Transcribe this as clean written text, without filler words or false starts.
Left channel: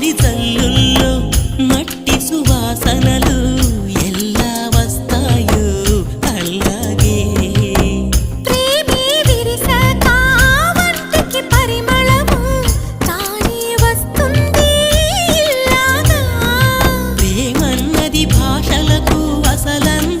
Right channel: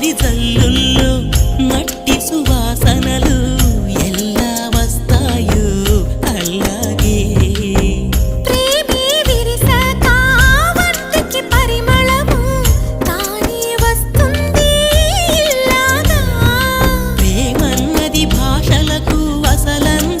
తొలకరి జల్లుల్లో మట్టి సువాసనలు ఎలా వస్తాయో అలాగే ప్రేమే విరిసాక వంటికి పరిమళము తానే వస్తుంది ఇలాగా. ప్రేమన్నది భాషలకు అసలంత